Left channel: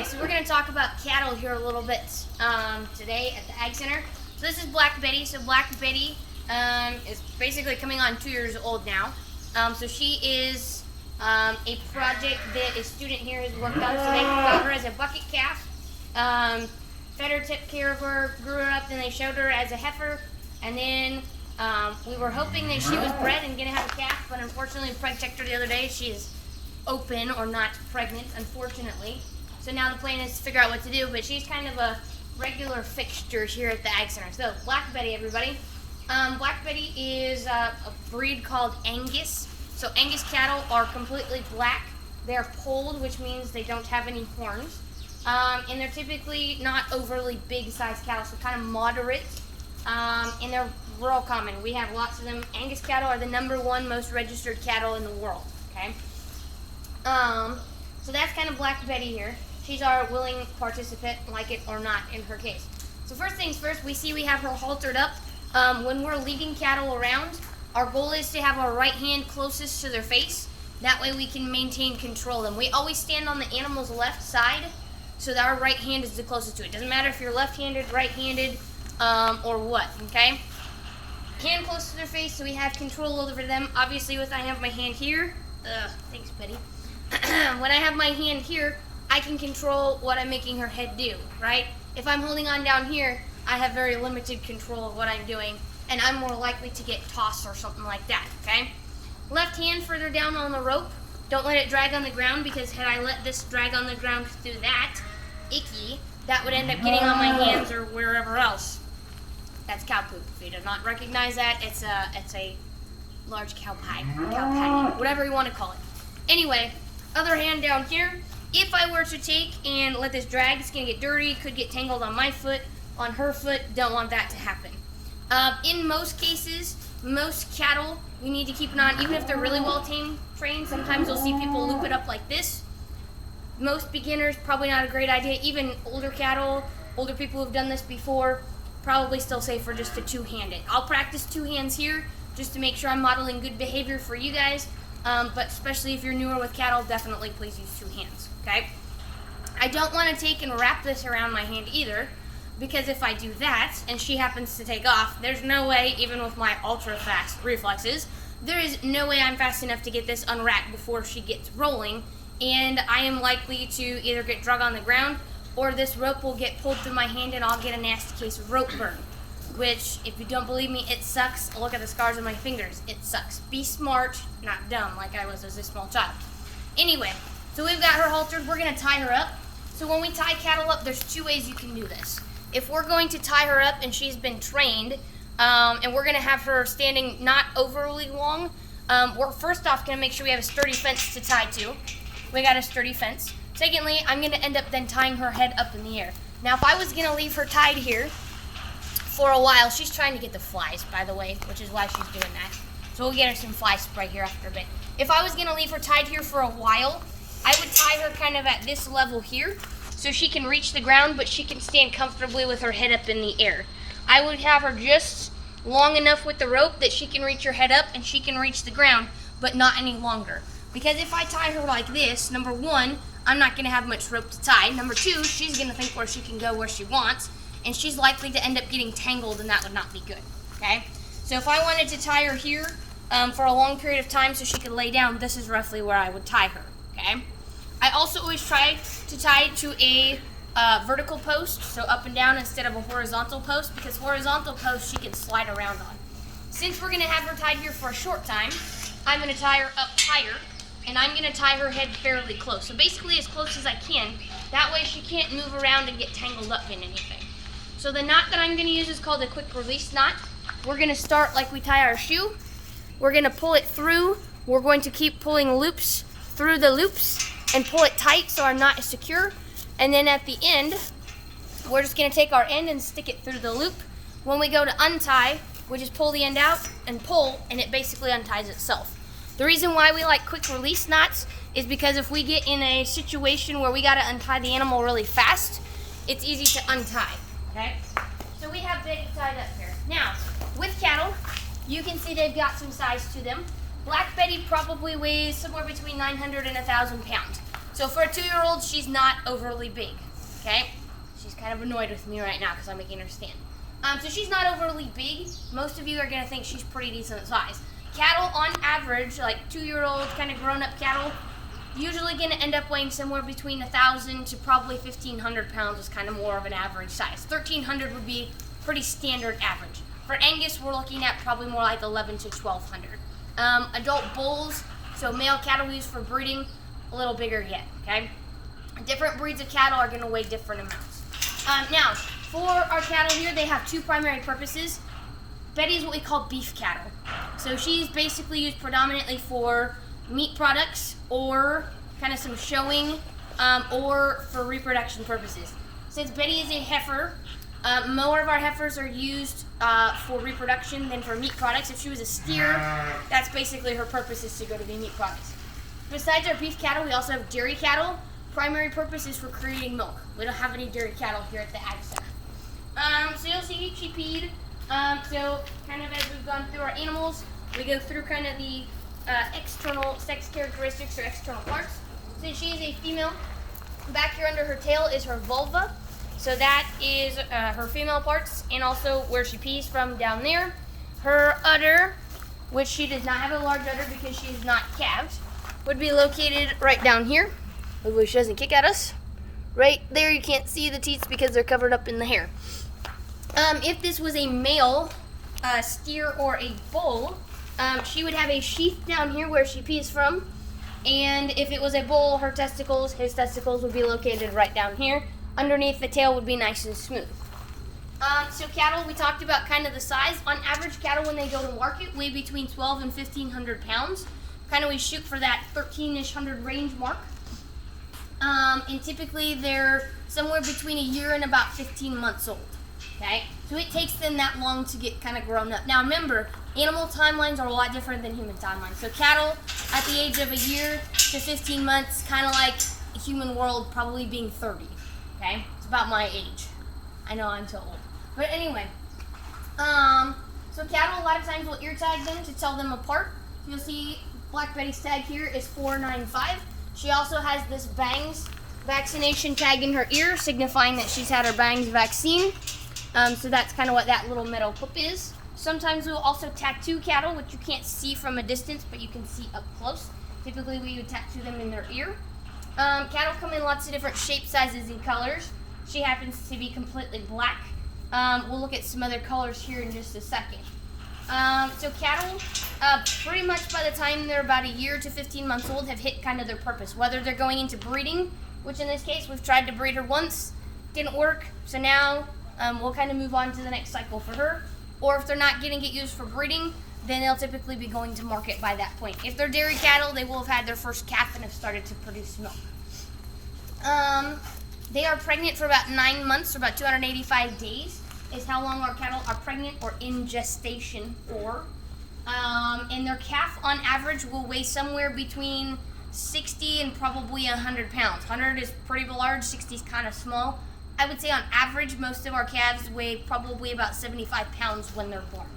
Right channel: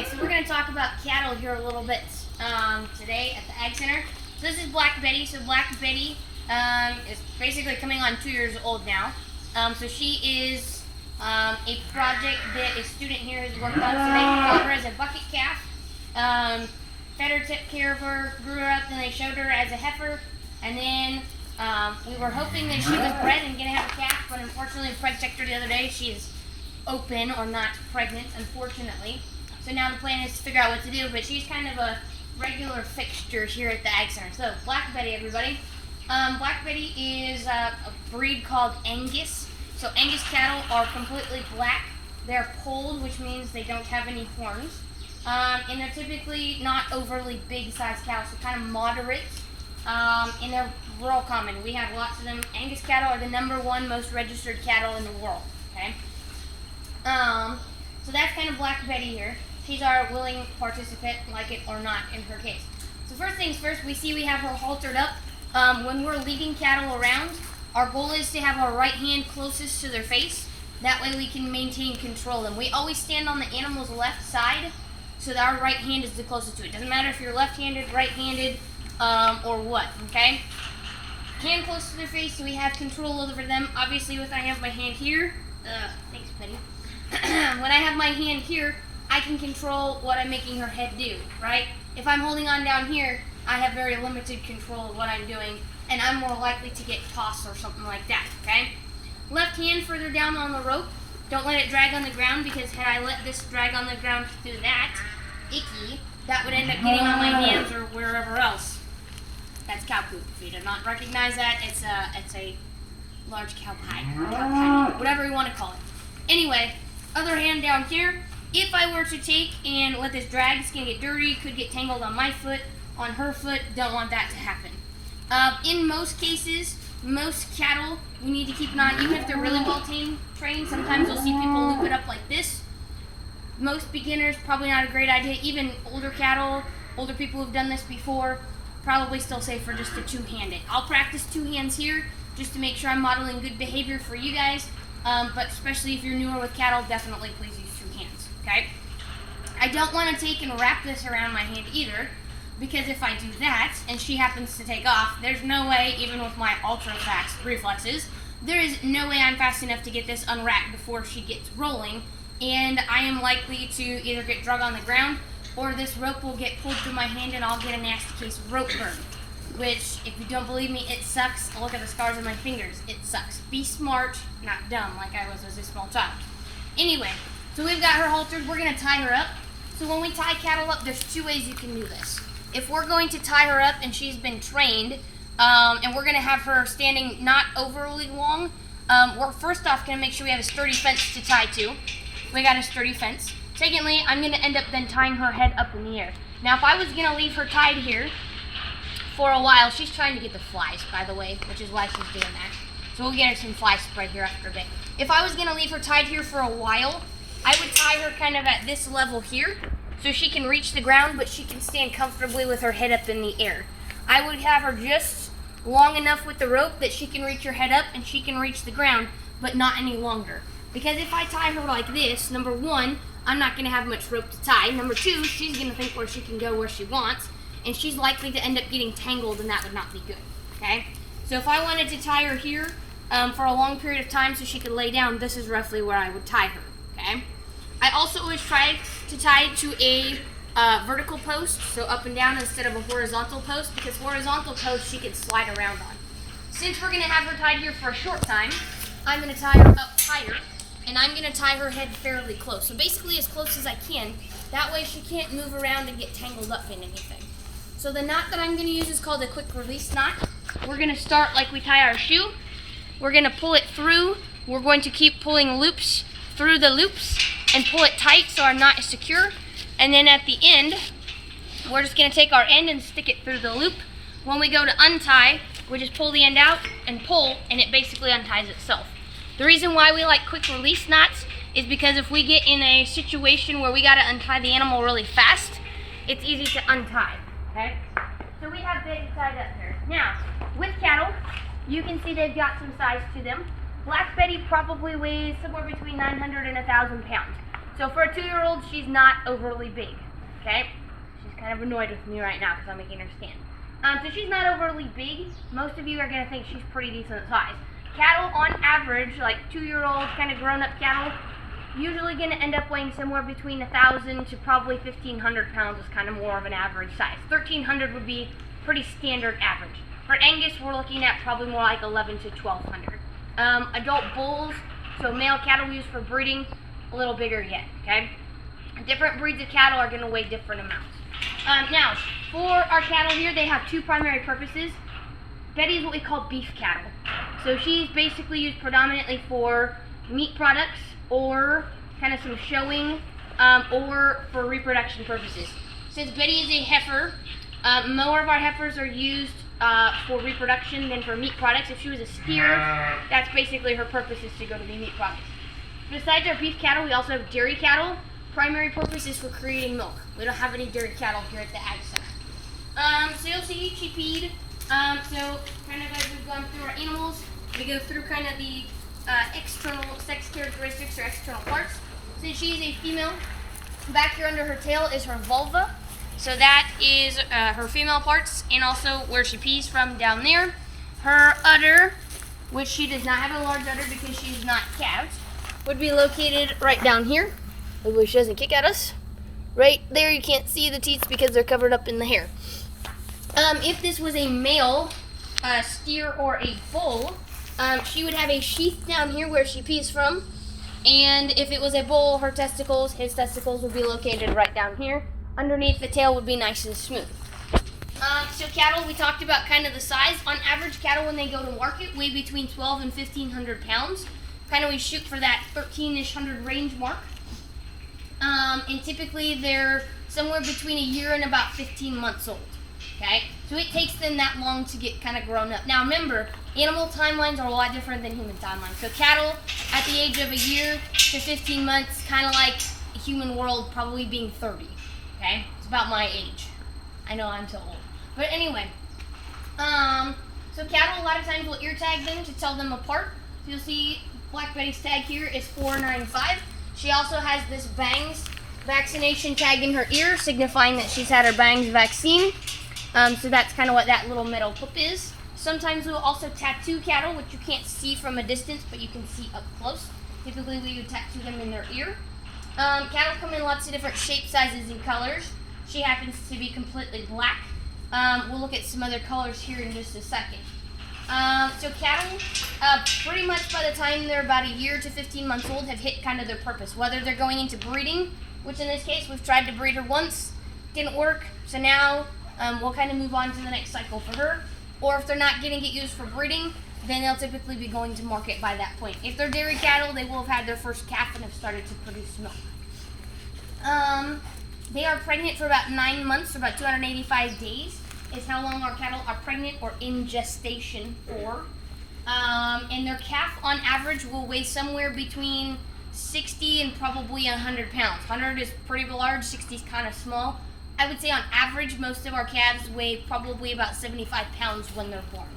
Okay, so we're going to talk about cattle here a little bit today at the Ag Center. So this is Black Betty. So Black Betty is basically coming on 2 years old now. So she is a project that a student here has worked on. So they got her as a bucket calf, fed her, took care of her, grew her up, then they showed her as a heifer, and then we were hoping that she was bred and going to have a calf, but unfortunately the preg checked her the other day. She is open or not pregnant, unfortunately. So now the plan is to figure out what to do, but she's kind of a regular fixture here at the Ag Center. So Black Betty, everybody. Black Betty is a breed called Angus. So Angus cattle are completely black. They're polled, which means they don't have any horns. And they're typically not overly big sized cattle, so kind of moderate. And they're real common. We have lots of them. Angus cattle are the #1 most registered cattle in the world. Okay. So that's kind of Black Betty here. She's our willing participant, like it or not in her case. So first things first, we have her haltered up. When we're leading cattle around, our goal is to have our right hand closest to their face. That way we can maintain control of them. We always stand on the animal's left side so that our right hand is the closest to it. Doesn't matter if you're left-handed, right-handed, or what, okay? Hand close to their face so we have control over them. Obviously, I have my hand here. Thanks, Betty. When I have my hand here, I can control what I'm making her head do, right? If I'm holding on down here, I have very limited control of what I'm doing, and I'm more likely to get tossed or something like that, okay? Left hand further down on the rope. Don't let it drag on the ground, because had I let this drag on the ground through that, that would end up getting on my hands or wherever else. That's cow poop. If you do not recognize that, it's a large cow pie, whatever you want to call it. Anyway, other hand down here. If I were to take and let this drag, it's going to get dirty, could get tangled on my foot, on her foot. Don't want that to happen. In most cases, most cattle, we need to keep it on, even if they're really well trained. Sometimes you'll see people loop it up like this. Most beginners, probably not a great idea. Even older cattle, older people who've done this before, probably still safer just to two-handed. I'll practice two hands here just to make sure I'm modeling good behavior for you guys. But especially if you're newer with cattle, definitely please use two hands, okay? I don't want to take and wrap this around my hand either, because if I do that and she happens to take off, there's no way, even with my ultra fast reflexes, there is no way I'm fast enough to get this unwrapped before she gets rolling, and I am likely to either get drug on the ground or this rope will get pulled through my hand and I'll get a nasty case of rope burn. Which, if you don't believe me, it sucks. Look at the scars on my fingers. It sucks. Be smart, not dumb, like I was as a small child. Anyway, so we've got her haltered. We're going to tie her up. So when we tie cattle up, there's 2 ways you can do this. If we're going to tie her up and she's been trained, and we're going to have her standing not overly long, we're first off going to make sure we have a sturdy fence to tie to. We got a sturdy fence. Secondly, I'm going to end up then tying her head up in the air. Now, if I was going to leave her tied here for a while, she's trying to get the flies, by the way, which is why she's doing that. So we'll get her some fly spray here after a bit. If I was going to leave her tied here for a while, I would tie her kind of at this level here so she can reach the ground, but she can stand comfortably with her head up in the air. I would have her just long enough with the rope that she can reach her head up and she can reach the ground, but not any longer. Because if I tie her like this, number 1, I'm not going to have much rope to tie. Number 2, she's going to think where she can go where she wants, and she's likely to end up getting tangled, and that would not be good, okay? So if I wanted to tie her here for a long period of time so she could lay down, this is roughly where I would tie her, okay? I also always try to tie to a vertical post, so up and down instead of a horizontal post, because horizontal post she can slide around on. Since we're going to have her tied here for a short time, I'm going to tie her up higher, and I'm going to tie her head fairly close. So basically as close as I can. That way she can't move around and get tangled up in anything. So the knot that I'm going to use is called a quick release knot. We're going to start like we tie our shoe. We're going to pull it through. We're going to keep pulling loops through the loops and pull it tight so our knot is secure. And then at the end, we're just going to take our end and stick it through the loop. When we go to untie, we just pull the end out and pull, and it basically unties itself. The reason why we like quick release knots is because if we get in a situation where we got to untie the animal really fast, it's easy to untie. Okay, so we have Betty tied up here. Now, with cattle, you can see they've got some size to them. Black Betty probably weighs somewhere between 900 and 1,000 pounds. So for a 2-year-old, she's not overly big, okay? She's kind of annoyed with me right now because I'm making her stand. So she's not overly big. Most of you are going to think she's pretty decent size. Cattle, on average, like 2-year-old, kind of grown-up cattle, usually going to end up weighing somewhere between 1,000 to probably 1,500 pounds is kind of more of an average size. 1,300 would be pretty standard average. For Angus, we're looking at probably more like 1,1 to 1,200. Adult bulls, so male cattle used for breeding, a little bigger yet, okay? Different breeds of cattle are going to weigh different amounts. Now, for our cattle here, they have two primary purposes. Betty is what we call beef cattle. So she's basically used predominantly for meat products or kind of some showing or for reproduction purposes. Since Betty is a heifer, more of our heifers are used for reproduction than for meat products. If she was a steer, that's basically her purpose, is to go to be meat products. Besides our beef cattle, we also have dairy cattle. Primary purpose is for creating milk. We don't have any dairy cattle here at the Ag Center. So you'll see she peed. So kind of as we've gone through our animals, we go through kind of the external sex characteristics or external parts. Since she is a female, back here under her tail is her vulva. So that is her female parts, and also where she pees from down there. Her udder, which she does not have a large udder because she's not calves, would be located right down here. Hopefully she doesn't kick at us. Right there, you can't see the teats because they're covered up in the hair. If this was a male steer or a bull, she would have a sheath down here where she pees from. And if it was a bull, her testicles, his testicles would be located right down here. Underneath, the tail would be nice and smooth. So cattle, we talked about kind of the size. On average, cattle when they go to market weigh between 1,200 and 1,500 pounds. Kind of we shoot for that 1,300-ish range mark. And typically they're somewhere between a year and about 15 months old. Okay, so it takes them that long to get kind of grown up. Now remember, animal timelines are a lot different than human timelines. So cattle at the age of a year to 15 months, kind of like the human world probably being 30. Okay, it's about my age. I know I'm so old. But anyway, so cattle a lot of times will ear tag them to tell them apart. So you'll see Black Betty's tag here is 495. She also has this bangs vaccination tag in her ear, signifying that she's had her bangs vaccine. So that's kind of what that little metal clip is. Sometimes we'll also tattoo cattle, which you can't see from a distance, but you can see up close. Typically we would tattoo them in their ear. Cattle come in lots of different shapes, sizes, and colors. She happens to be completely black. We'll look at some other colors here in just a second. So cattle, pretty much by the time they're about a year to 15 months old, have hit kind of their purpose. Whether they're going into breeding, which in this case we've tried to breed her once, didn't work, so now we'll kind of move on to the next cycle for her. Or if they're not getting it used for breeding, then they'll typically be going to market by that point. If they're dairy cattle, they will have had their first calf and have started to produce milk. They are pregnant for about 9 months, or about 285 days is how long our cattle are pregnant or in gestation for. And their calf on average will weigh somewhere between 60 and probably 100 pounds. 100 is pretty large, 60 is kind of small. I would say on average, most of our calves weigh probably about 75 pounds when they're born.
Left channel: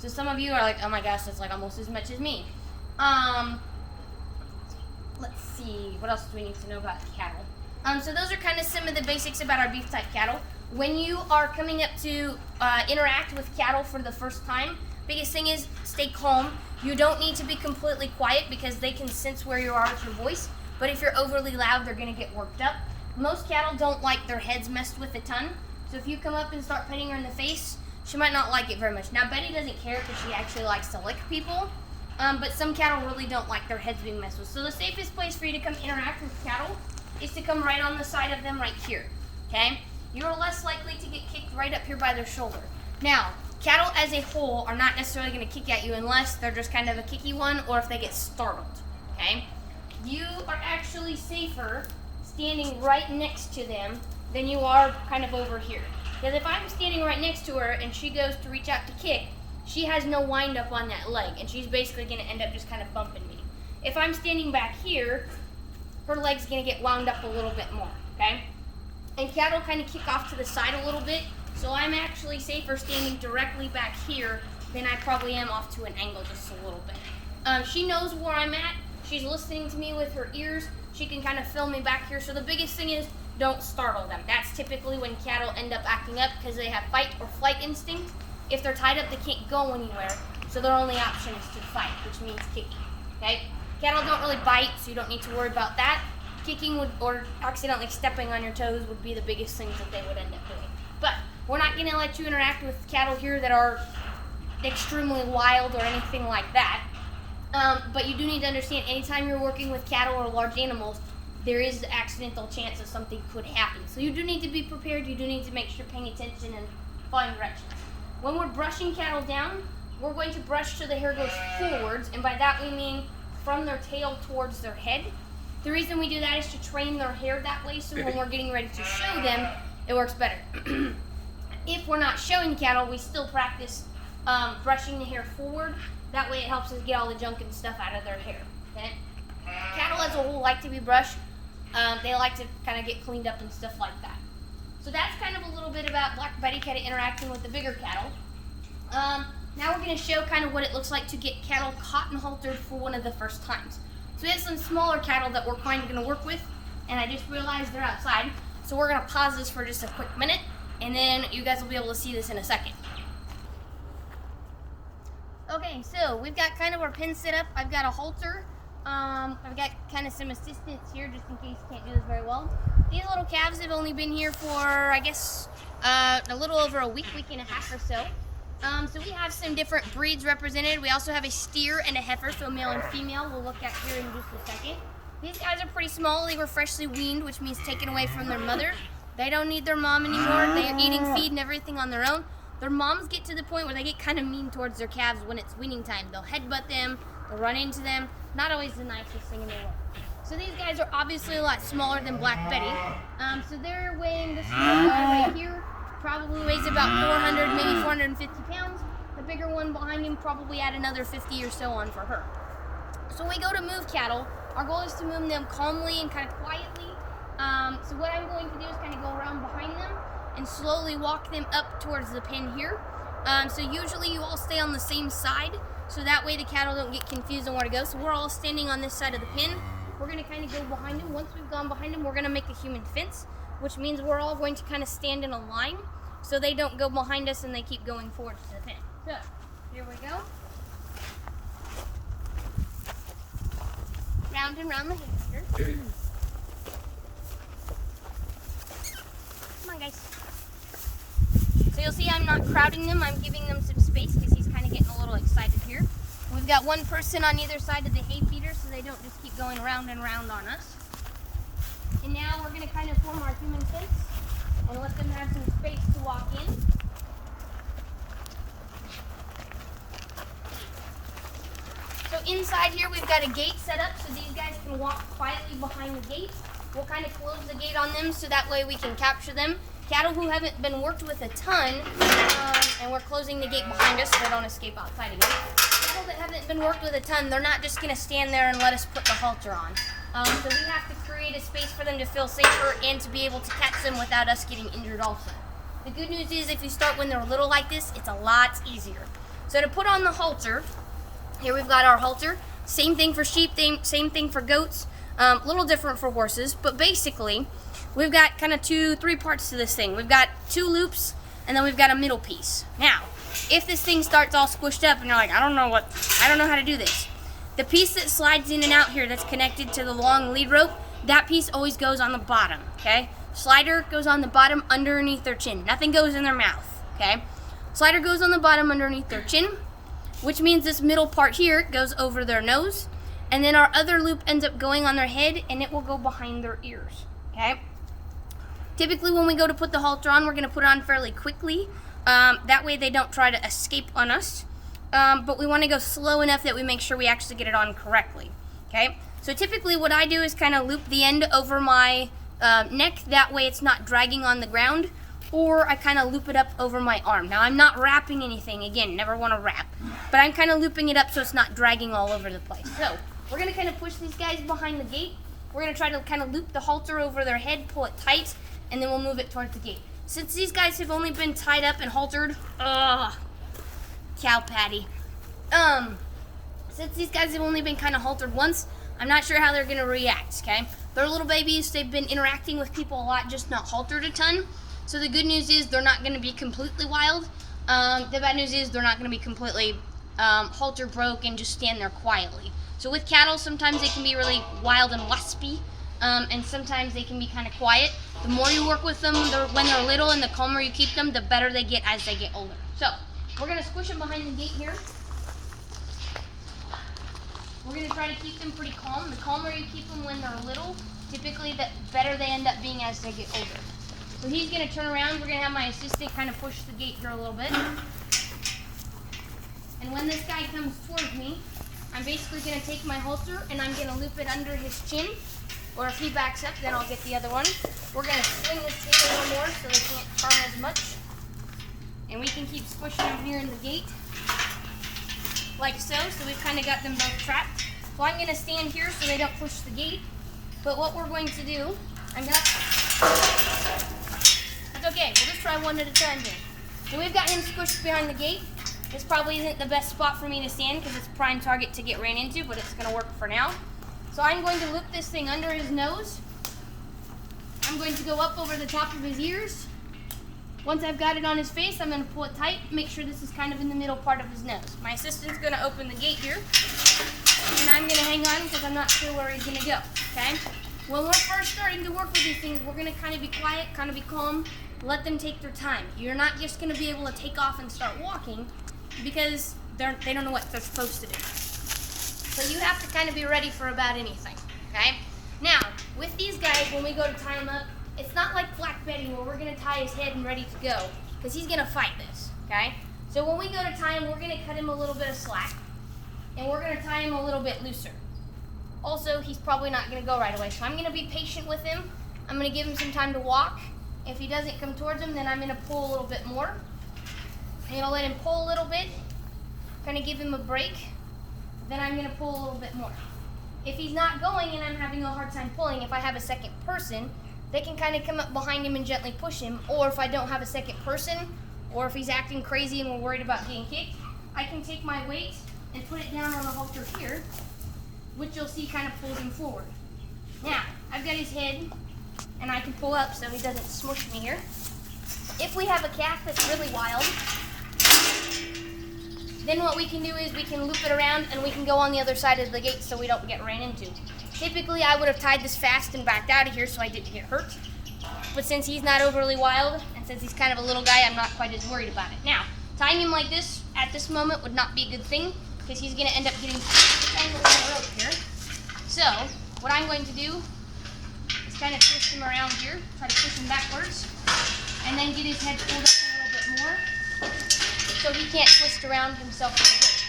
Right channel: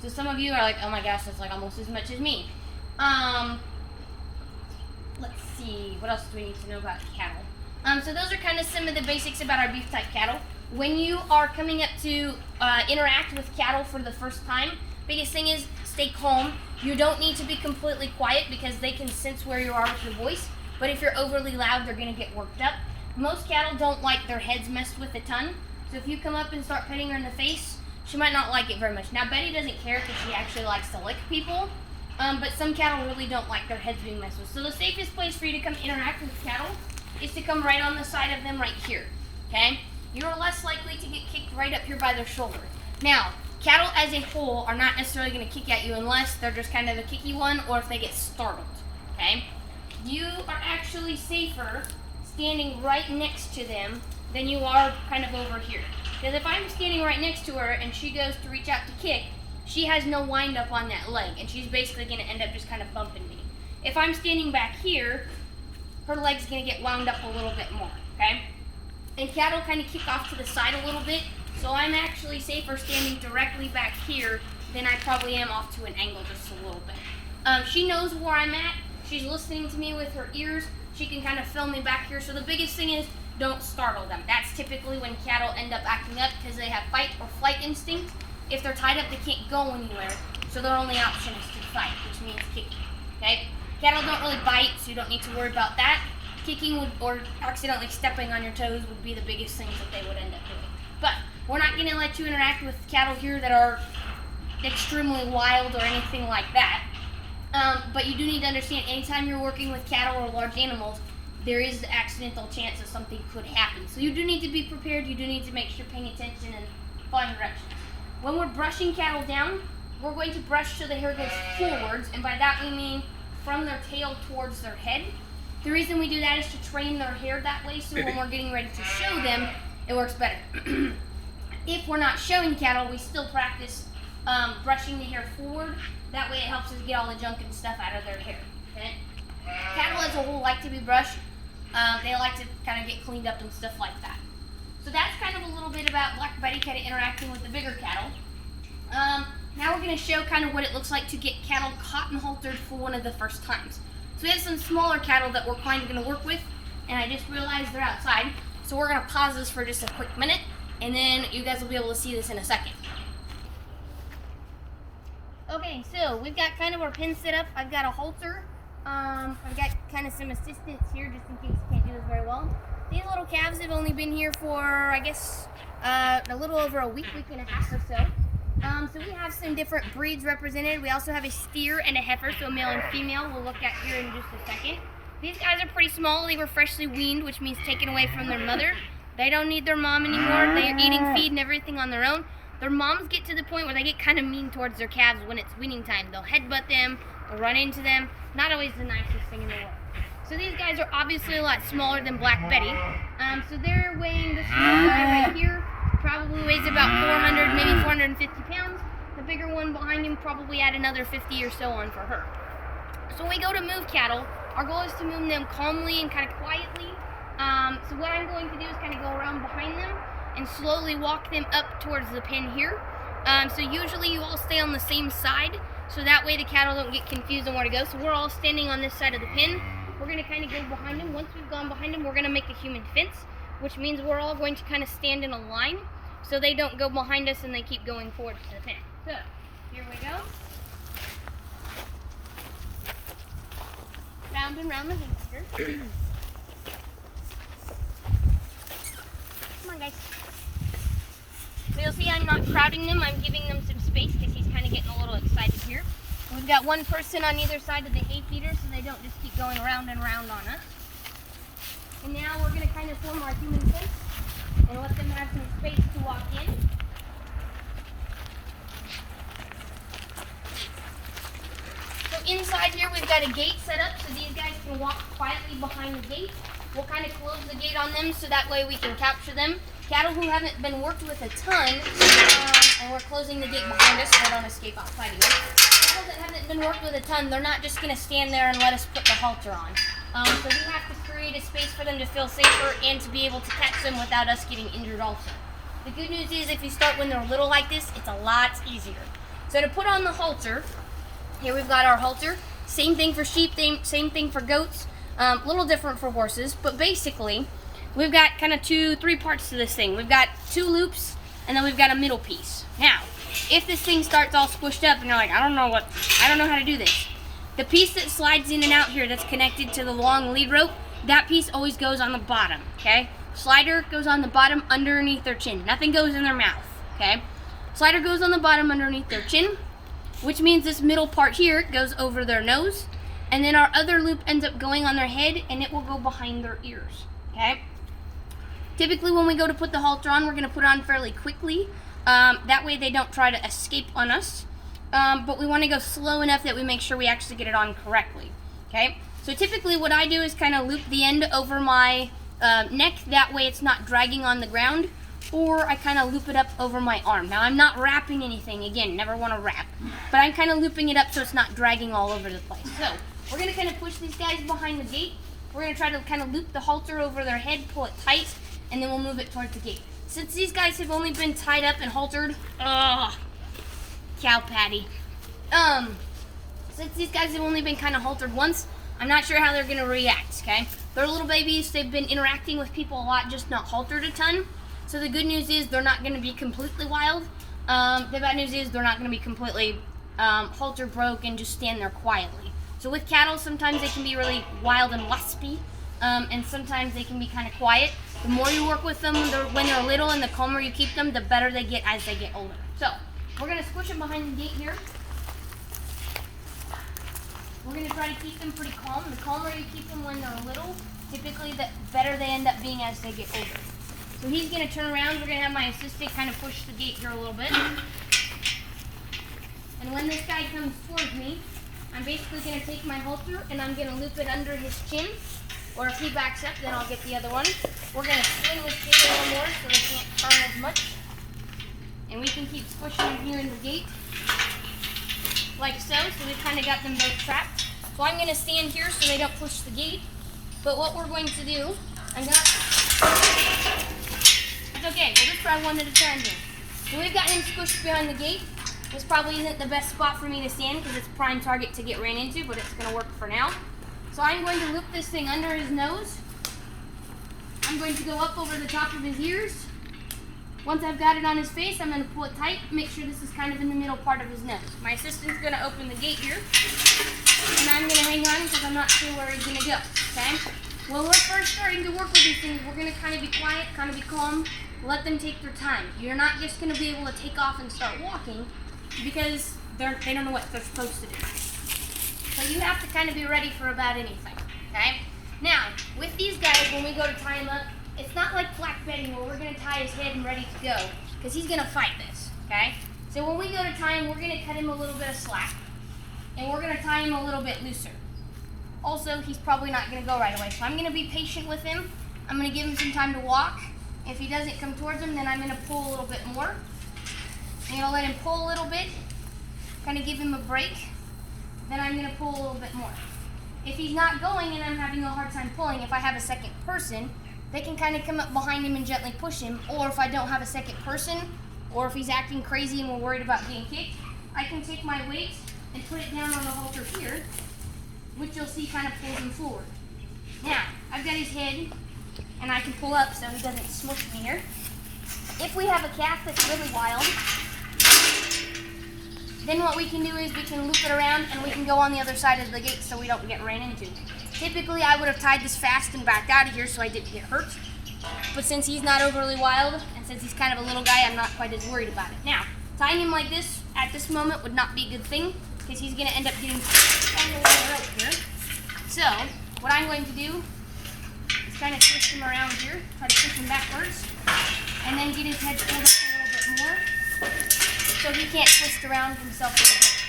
So some of you are like, oh my gosh, that's like almost as much as me. Let's see, what else do we need to know about cattle? So those are kind of some of the basics about our beef type cattle. When you are coming up to interact with cattle for the first time, biggest thing is stay calm. You don't need to be completely quiet because they can sense where you are with your voice. But if you're overly loud, they're going to get worked up. Most cattle don't like their heads messed with a ton. So if you come up and start petting her in the face, she might not like it very much. Now, Betty doesn't care because she actually likes to lick people. But some cattle really don't like their heads being messed with. So the safest place for you to come interact with cattle is to come right on the side of them right here. Okay? You're less likely to get kicked right up here by their shoulder. Now, cattle as a whole are not necessarily going to kick at you unless they're just kind of a kicky one or if they get startled. Okay? You are actually safer standing right next to them than you are kind of over here. Because if I'm standing right next to her and she goes to reach out to kick, she has no wind up on that leg and she's basically going to end up just kind of bumping me. If I'm standing back here, her leg's going to get wound up a little bit more, okay? And cattle kind of kick off to the side a little bit, so I'm actually safer standing directly back here than I probably am off to an angle just a little bit. She knows where I'm at. She's listening to me with her ears. she can kind of film me back here. So the biggest thing is don't startle them. That's typically when cattle end up acting up because they have fight or flight instinct. If they're tied up, they can't go anywhere. So their only option is to fight, which means kicking. Okay? Cattle don't really bite, so you don't need to worry about that. Kicking or accidentally stepping on your toes would be the biggest things that they would end up doing. But we're not going to let you interact with cattle here that are extremely wild or anything like that. But you do need to understand, anytime you're working with cattle or large animals, there is the accidental chance that something could happen. So you do need to be prepared. You do need to make sure you're paying attention and following directions. When we're brushing cattle down, we're going to brush so the hair goes forwards, and by that we mean from their tail towards their head. The reason we do that is to train their hair that way, so when we're getting ready to show them, it works better. If we're not showing cattle, we still practice brushing the hair forward. That way it helps us get all the junk and stuff out of their hair. Okay? Cattle as a whole like to be brushed. They like to kind of get cleaned up and stuff like that. So that's kind of a little bit about Black Betty kind of interacting with the bigger cattle. Now we're going to show kind of what it looks like to get cattle caught and haltered for one of the first times. So we have some smaller cattle that we're kind of going to work with, and I just realized they're outside. So we're going to pause this for just a quick minute, and then you guys will be able to see this in a second. Okay, so we've got kind of our pen set up. I've got a halter. I've got kind of some assistance here just in case you can't do this very well. These little calves have only been here for, I guess, a little over a week and a half or so. So we have some different breeds represented. We also have a steer and a heifer, so a male and female we'll look at here in just a second. These guys are pretty small. They were freshly weaned, which means taken away from their mother. They don't need their mom anymore. They are eating feed and everything on their own. Their moms get to the point where they get kind of mean towards their calves when it's weaning time. They'll headbutt them, they'll run into them. Not always the nicest thing in the world. So these guys are obviously a lot smaller than Black Betty. So they're weighing, this little guy right here probably weighs about 400, maybe 450 pounds. The bigger one behind him probably add another 50 or so on for her. So when we go to move cattle, our goal is to move them calmly and kind of quietly. So what I'm going to do is kind of go around behind them and slowly walk them up towards the pen here. So usually you all stay on the same side, so that way the cattle don't get confused on where to go. So we're all standing on this side of the pen. We're going to kind of go behind them. Once we've gone behind them, we're going to make a human fence, which means we're all going to kind of stand in a line so they don't go behind us and they keep going forward to the pen. So here we go. Round and round the hamster. Come on, guys. So you'll see I'm not crowding them. I'm giving them some space because he's kind of getting a little excited here. We've got one person on either side of the hay feeder so they don't just keep going around and around on us. And now we're going to kind of form our human fence and let them have some space to walk in. So inside here we've got a gate set up so these guys can walk quietly behind the gate. We'll kind of close the gate on them so that way we can capture them. Cattle who haven't been worked with a ton, and we're closing the gate behind us so they don't escape outside again. Cattle that haven't been worked with a ton, they're not just going to stand there and let us put the halter on. So we have to create a space for them to feel safer and to be able to catch them without us getting injured also. The good news is if you start when they're little like this, it's a lot easier. So to put on the halter, here we've got our halter. Same thing for sheep, same thing for goats. A little different for horses, but basically we've got kind of three parts to this thing. We've got two loops and then we've got a middle piece. Now, if this thing starts all squished up and you're like, I don't know how to do this. The piece that slides in and out here that's connected to the long lead rope, that piece always goes on the bottom, okay? Slider goes on the bottom underneath their chin. Nothing goes in their mouth, okay? Slider goes on the bottom underneath their chin, which means this middle part here goes over their nose, and then our other loop ends up going on their head and it will go behind their ears, okay? Typically when we go to put the halter on, we're going to put it on fairly quickly. That way they don't try to escape on us. But we want to go slow enough that we make sure we actually get it on correctly, okay? So typically what I do is kind of loop the end over my neck. That way it's not dragging on the ground. Or I kind of loop it up over my arm. Now I'm not wrapping anything. Again, never want to wrap. But I'm kind of looping it up so it's not dragging all over the place. So we're going to kind of push these guys behind the gate. We're going to try to kind of loop the halter over their head, pull it tight, and then we'll move it towards the gate. Since these guys have only been tied up and haltered, cow patty. Since these guys have only been kind of haltered once, I'm not sure how they're going to react, okay? They're little babies. They've been interacting with people a lot, just not haltered a ton. So the good news is they're not going to be completely wild. The bad news is they're not going to be completely halter broke and just stand there quietly. So with cattle, sometimes they can be really wild and waspy, and sometimes they can be kind of quiet. The more you work with them when they're little and the calmer you keep them, the better they get as they get older. So we're going to squish them behind the gate here. We're going to try to keep them pretty calm. The calmer you keep them when they're little, typically the better they end up being as they get older. So he's going to turn around. We're going to have my assistant kind of push the gate here a little bit. And when this guy comes towards me, I'm basically going to take my halter and I'm going to loop it under his chin. Or if he backs up, then I'll get the other one. We're going to swing this gate a little more so they can't turn as much. And we can keep squishing them here in the gate. Like so. So we've kind of got them both trapped. So I'm going to stand here so they don't push the gate. But what we're going to do, I'm going to... It's okay, we'll just try one at a time here. So we've got him squished behind the gate. This probably isn't the best spot for me to stand because it's a prime target to get ran into, but it's going to work for now. So I'm going to loop this thing under his nose. I'm going to go up over the top of his ears. Once I've got it on his face, I'm going to pull it tight, make sure this is kind of in the middle part of his nose. My assistant's going to open the gate here, and I'm going to hang on because I'm not sure where he's going to go, okay? When we're first starting to work with these things, we're going to kind of be quiet, kind of be calm, let them take their time. You're not just going to be able to take off and start walking because they don't know what they're supposed to do. So you have to kind of be ready for about anything, okay? Now, with these guys, when we go to tie him up, it's not like Black Betty where we're going to tie his head and ready to go because he's going to fight this, okay? So when we go to tie him, we're going to cut him a little bit of slack and we're going to tie him a little bit looser. Also, he's probably not going to go right away, so I'm going to be patient with him. I'm going to give him some time to walk. If he doesn't come towards him, then I'm going to pull a little bit more. I'm going to let him pull a little bit, kind of give him a break. Then I'm going to pull a little bit more. If he's not going and I'm having a hard time pulling, if I have a second person, they can kind of come up behind him and gently push him. Or if I don't have a second person, or if he's acting crazy and we're worried about getting kicked, I can take my weight and put it down on the halter here, which you'll see kind of pulls him forward. Now, I've got his head, and I can pull up so he doesn't smush me here. If we have a calf that's really wild, then what we can do is we can loop it around and we can go on the other side of the gate so we don't get ran into. Typically, I would have tied this fast and backed out of here so I didn't get hurt. But since he's not overly wild, and since he's kind of a little guy, I'm not quite as worried about it. Now, tying him like this at this moment would not be a good thing because he's going to end up getting tangled in the rope here. So, what I'm going to do is kind of twist him around here, try to push him backwards, and then get his head pulled up a little bit more so he can't twist around himself in the rope.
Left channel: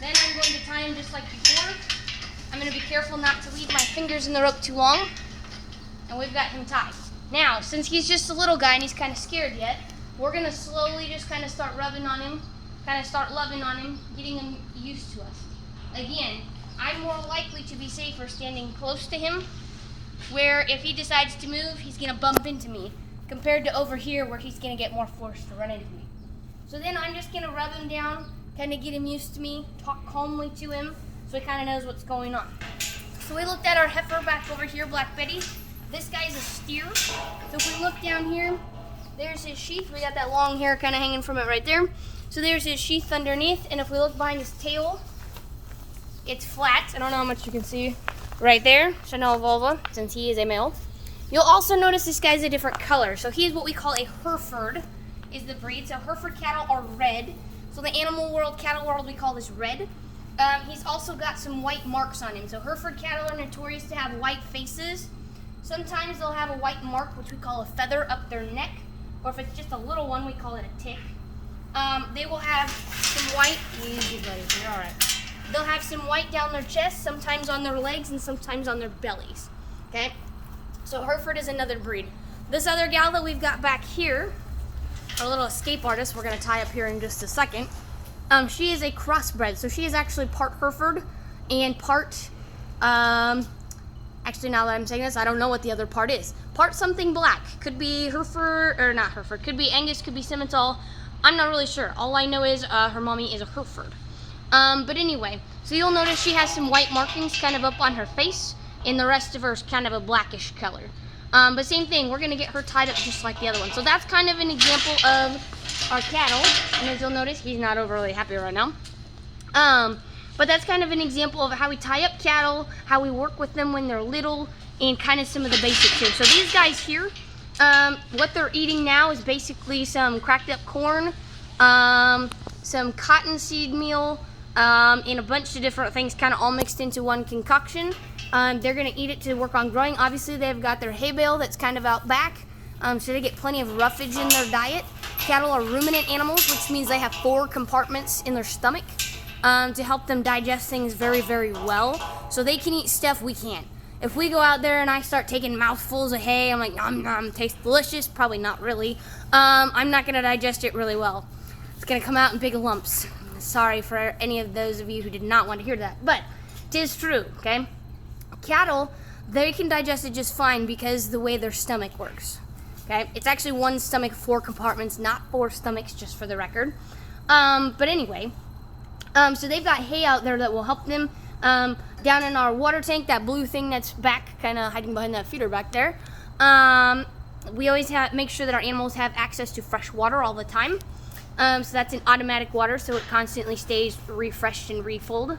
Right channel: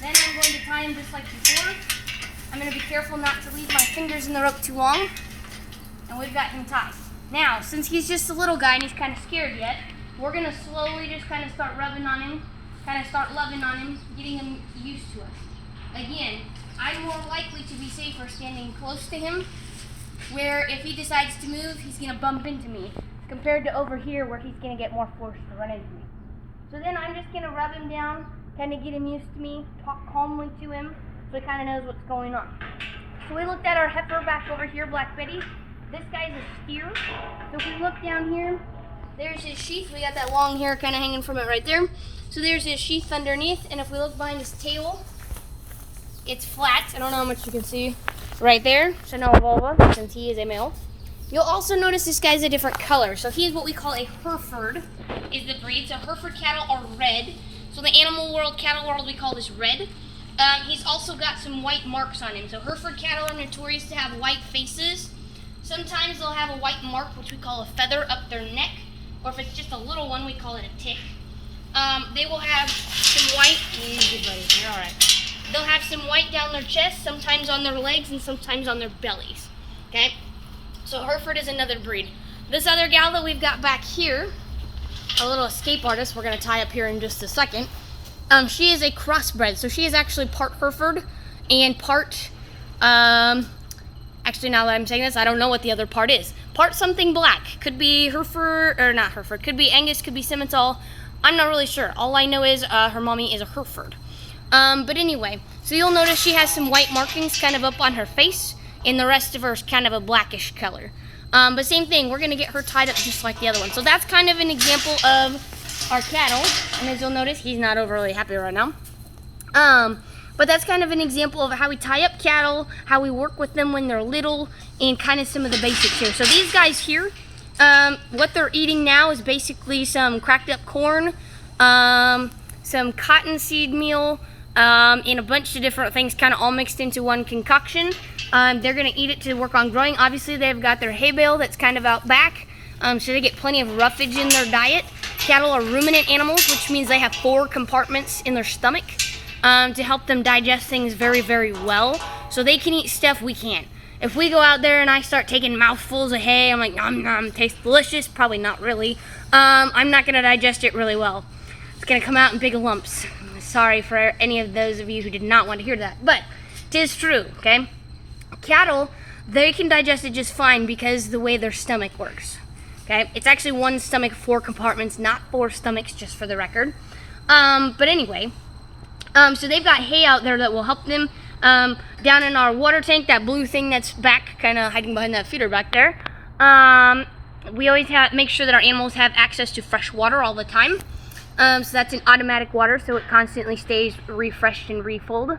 Then I'm going to tie him just like before. I'm going to be careful not to leave my fingers in the rope too long, and we've got him tied. Now, since he's just a little guy and he's kind of scared yet, we're going to slowly just kind of start rubbing on him, kind of start loving on him, getting him used to us. Again, I'm more likely to be safer standing close to him, where if he decides to move, he's going to bump into me, compared to over here where he's going to get more force to run into me. So then I'm just going to rub him down, kind of get him used to me, talk calmly to him, so he kind of knows what's going on. So we looked at our heifer back over here, Black Betty. This guy's a steer. So if we look down here, there's his sheath. We got that long hair kind of hanging from it right there. So there's his sheath underneath, and if we look behind his tail, it's flat. I don't know how much you can see right there. Chanel vulva, since he is a male. You'll also notice this guy's a different color. So he's what we call a Hereford, is the breed. So Hereford cattle are red. So in the animal world, cattle world, we call this red. He's also got some white marks on him. So Hereford cattle are notorious to have white faces. Sometimes they'll have a white mark, which we call a feather, up their neck. Or if it's just a little one, we call it a tick. They will have some white, all right. They'll have some white down their chest, sometimes on their legs, and sometimes on their bellies, okay? So Hereford is another breed. This other gal that we've got back here, a little escape artist we're gonna tie up here in just a second, she is a crossbred. So she is actually part Hereford and part, actually now that I'm saying this, I don't know what the other part is. Part something black. Could be Hereford, or not Hereford, could be Angus, could be Simmental. I'm not really sure. All I know is her mommy is a Hereford. But anyway, so you'll notice she has some white markings kind of up on her face. and the rest of her is kind of a blackish color. But same thing, we're gonna get her tied up just like the other one. So that's kind of an example of our cattle. And as you'll notice, he's not overly happy right now. But that's kind of an example of how we tie up cattle, how we work with them when they're little, and kind of some of the basics here. So these guys here, what they're eating now is basically some cracked up corn, some cottonseed meal, and a bunch of different things kind of all mixed into one concoction. They're gonna eat it to work on growing. Obviously they've got their hay bale that's kind of out back, so they get plenty of roughage in their diet. Cattle are ruminant animals, which means they have 4 compartments in their stomach to help them digest things very, very well. So they can eat stuff we can't. If we go out there and I start taking mouthfuls of hay, I'm like, nom nom, tastes delicious. Probably not really. I'm not gonna digest it really well. It's gonna come out in big lumps. Sorry for any of those of you who did not want to hear that, but it is true, okay? Cattle, they can digest it just fine because the way their stomach works, okay? It's actually one stomach, 4 compartments, not 4 stomachs, just for the record. But anyway, so they've got hay out there that will help them. Down in our water tank, that blue thing that's back, kind of hiding behind that feeder back there, we always make sure that our animals have access to fresh water all the time. So that's an automatic water, so it constantly stays refreshed and refilled.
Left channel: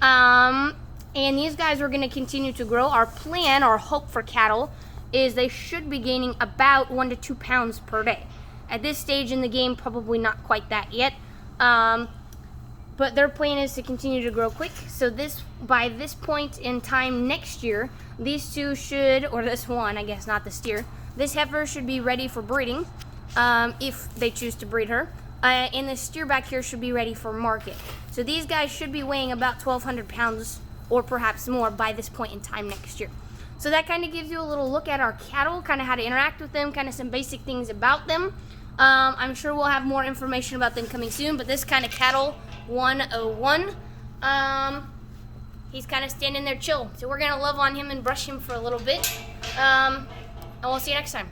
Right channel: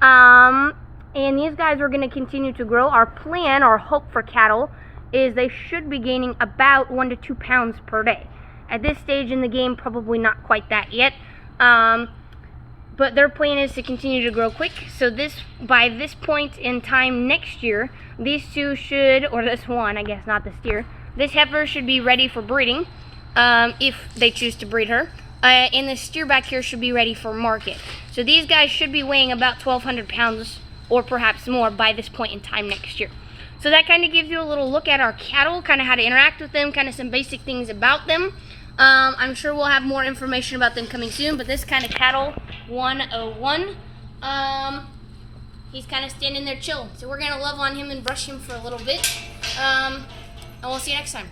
And these guys are going to continue to grow. Our plan, our hope for cattle, is they should be gaining about 1 to 2 pounds per day. At this stage in the game, probably not quite that yet. But their plan is to continue to grow quick. So by this point in time next year, these two should, or this one, I guess, not the steer, this heifer should be ready for breeding, if they choose to breed her. And the steer back here should be ready for market. So these guys should be weighing about 1,200 pounds or perhaps more by this point in time next year. So that kind of gives you a little look at our cattle, kind of how to interact with them, kind of some basic things about them. I'm sure we'll have more information about them coming soon, but this kind of cattle 101, he's kind of standing there chill. So we're gonna love on him and brush him for a little bit, and we'll see you next time.